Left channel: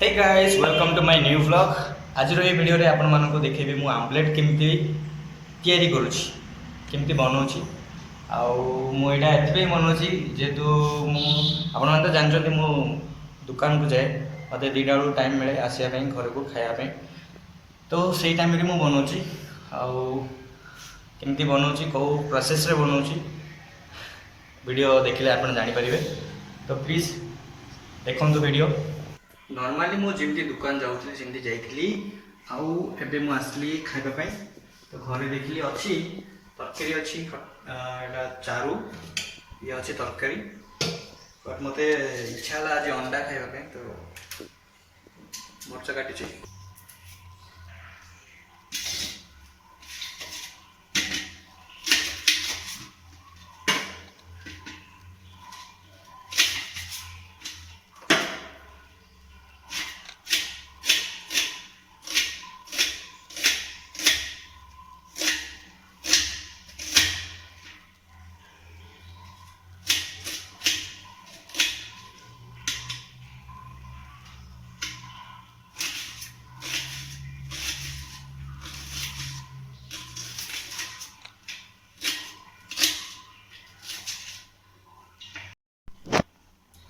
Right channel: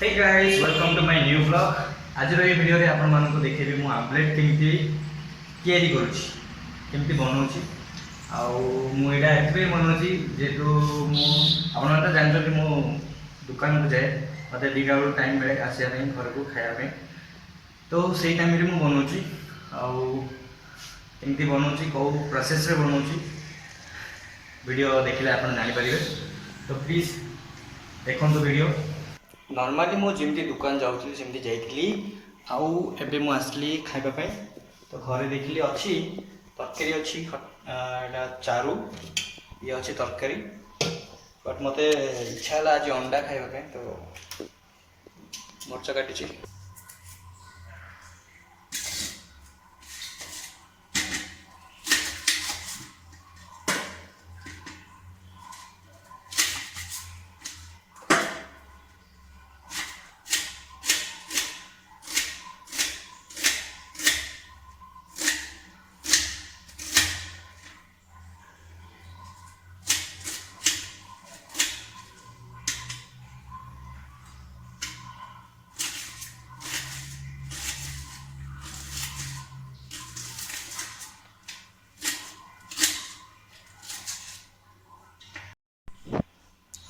Hey guys welcome to my new vlog. आज ये video रे आपण मानको देखेबी मु आमलेट केमती तयारी करूची केमती बनाउची आउ मु एटा एतबे बनाउची जेतु मु आपण मन त जानछथि मु दुकान को जाए मते 2टा बेलू टाइम मिले आसिया पे घर को खाया पे तो सेही टाइम रे मु बनाउची आउ केमती बनाउची को प्रोसेस रे बनाउची वीडियो देखिले आपण जानि परिबे। तो प्लीज देखंतु वीडियो। नॉर्मली मु जेमती दुकान जाऊथली सेमती जाइथली आउ एबे मु आसली खाइबा पई तो घरे देखली अछि तरकारी अछि एटा चारू ये अछि तरकारी बट मते इच्छा ला आज अंडा खाइबा पई तो मरचा काटिछि।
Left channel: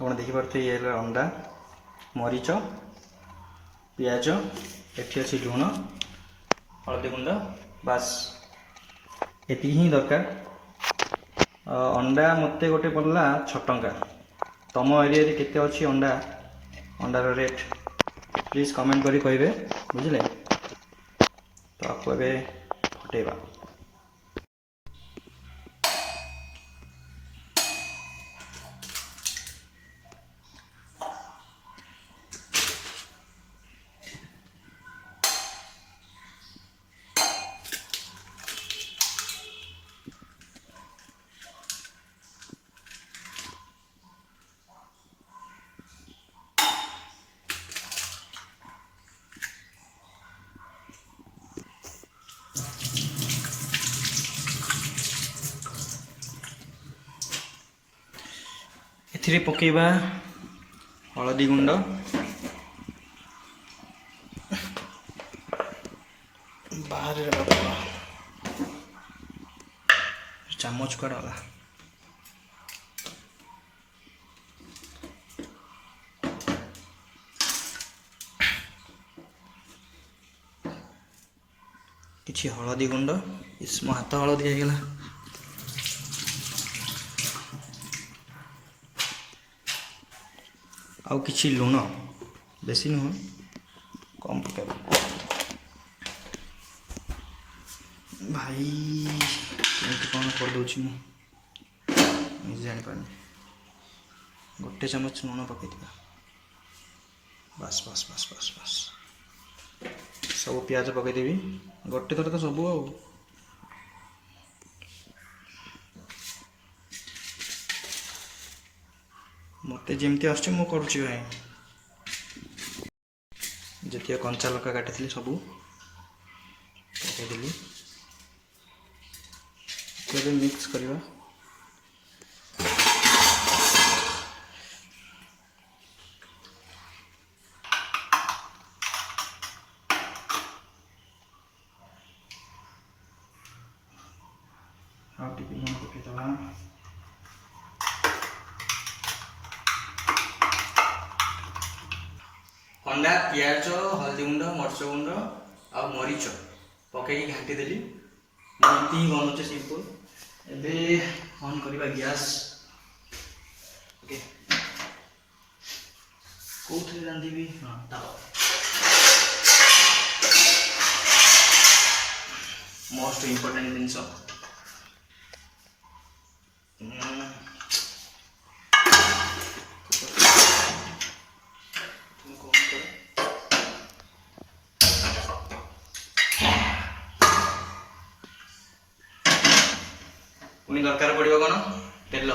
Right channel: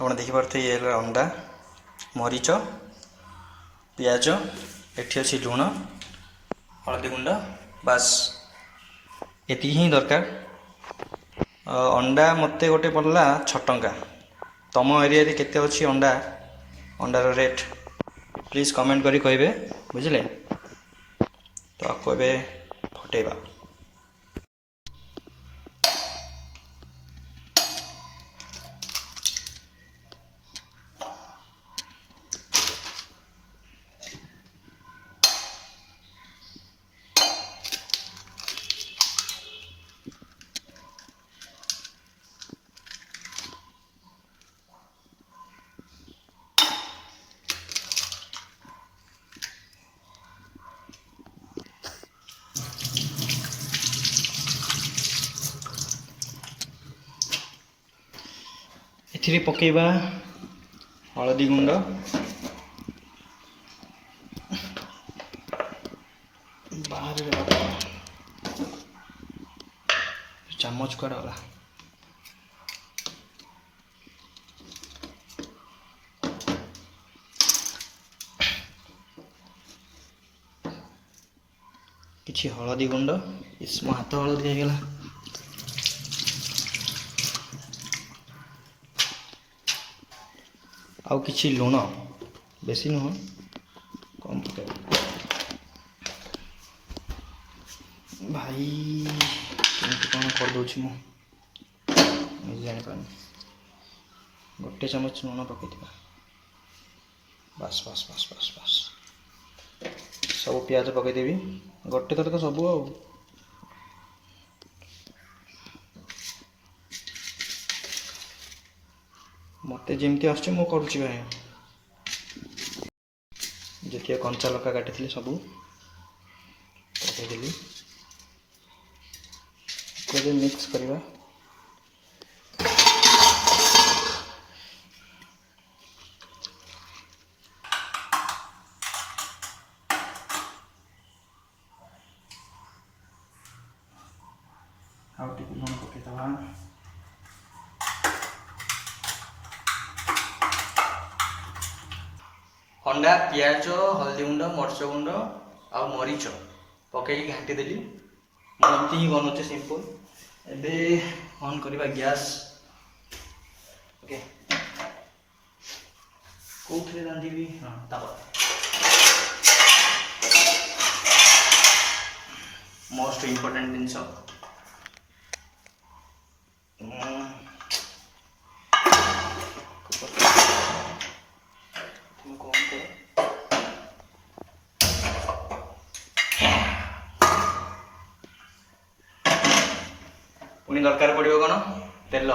आप देखिपे ये अंडा मरीच पियाज एठी अच्छी लुण हल्दी गुंड बास एति ही दरकार। अंडा मते गोटे पड़ला 6 टंका। तम एरिया रे केते अच्छी अंडा अंडार रेट प्लीज कमेंट करी कहबे बुझले। तो आपको ए फटेबा एथिरे पकेबा हलदी गुंड बाहर रे बाबा चामच कुआड वाला किछि हलदी गुंड इसमो हाथ हलदी आइगला आउ किछि लुण बेसी नुह कम पकेबा भाई कौन कर दूची मु जानी पानी गोटे चामच लुण पकई बस बस बस बस बस सब पियाज पकईदेवी गोटे थर तो सब आ मते जेमती आछे मु करूची भाई जतिया कंचा लका काटिथली सब पकईदेली मिक्स करवा आउ टिके लुण पकईदवा अंडा पियाज हल्दी गुंड मरच गुंड आ मरीच पकई घाटी देली एमती ही बनाऊे सिंपल। एबे ऑन करवा गैस ओके कौथे रांधिबी हां तावा मोस्ट इंपोर्टेंट जिनस पुनी दरकार पड़ो कौन तेल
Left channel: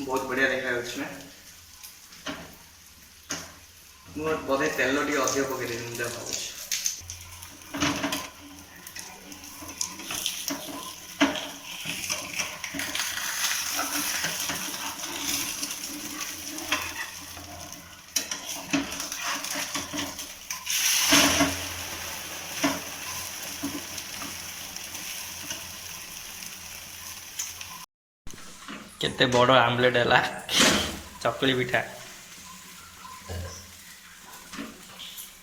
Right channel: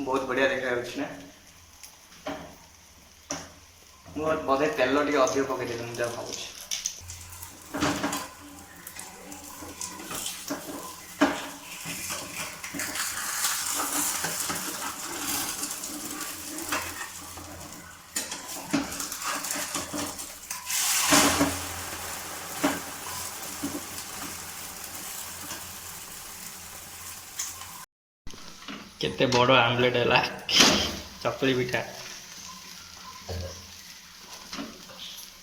बहुत बढ़िया देखा ना मुझे बोधे तेल टे अधिक पकईदे मुझे भावुँ केते बड़ आमलेट है चकली पिठा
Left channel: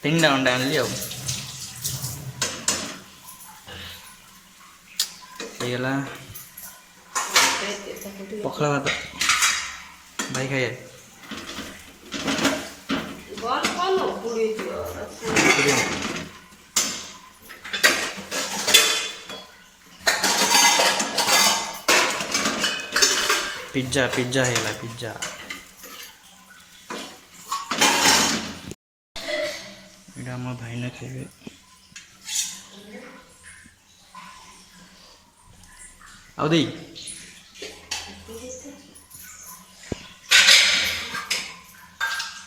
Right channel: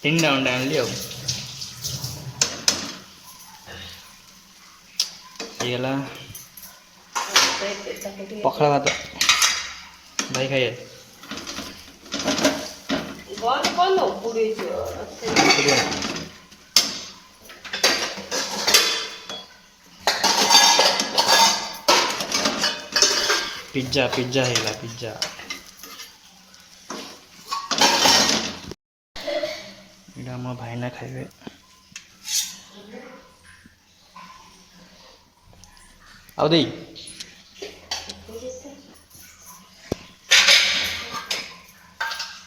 3टा अंडा आनली आगला पखला भात भाई खाइए पिज्जा पिज्जा है पिज्जा इटा मोर भाई ना खाइबे आउ दे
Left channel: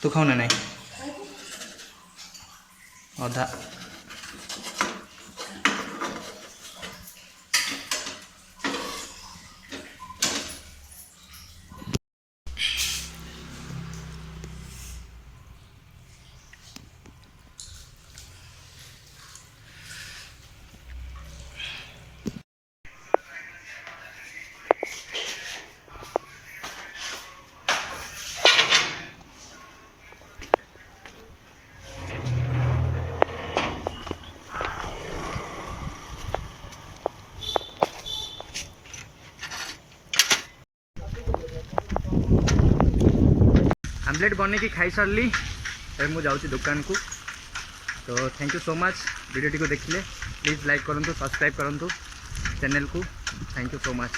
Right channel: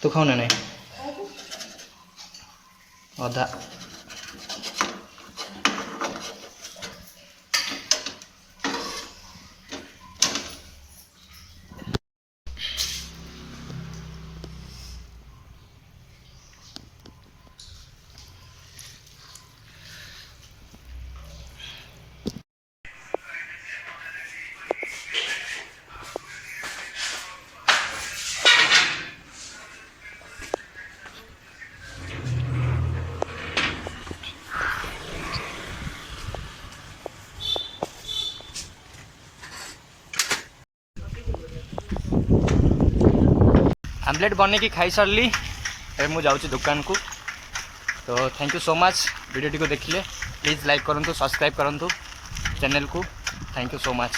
तू खाऊ ना नहीं अधा आमलेट बनैकी खाई सारी मुझे जाऊँ दुकान को तो thank you so much video को देखिले प्लीज़ लाइक करूँ सब्सक्राइब करूँ चैनल को थैंक यू सो मच।